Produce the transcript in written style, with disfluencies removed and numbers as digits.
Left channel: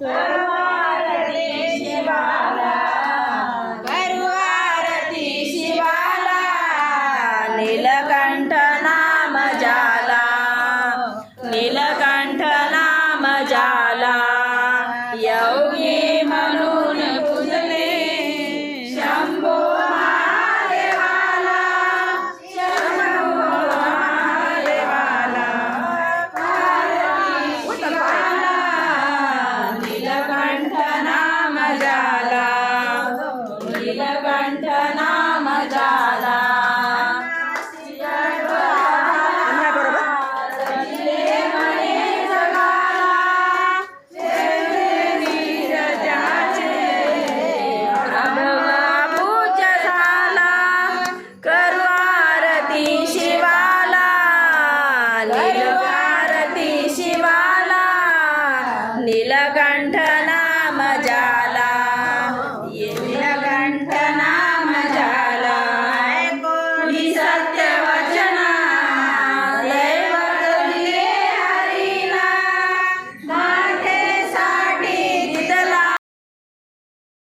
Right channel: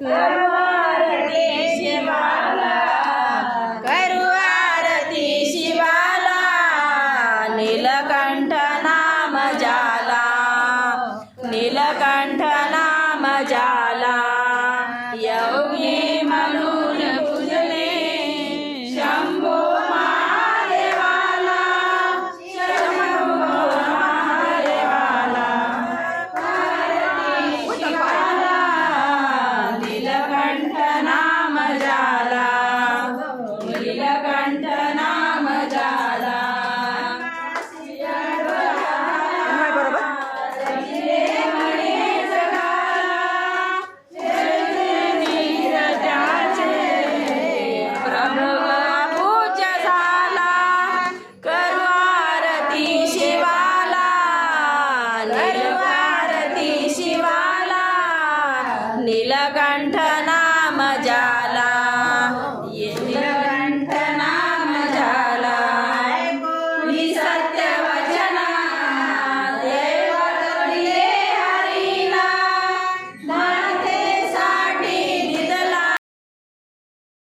करू आरती शिवाला, करू आरती शिवाला, नीलकंठ नाम जाला, नीलकंठ नाम जाला, योगी म्हणून पूजले शंभो महादेवाला, शंभो महादेवाला, आरती शिवाला, नीलकंठ नाम जाला, नीलकंठ नाम जाला, नीलकंठ नाम जाला।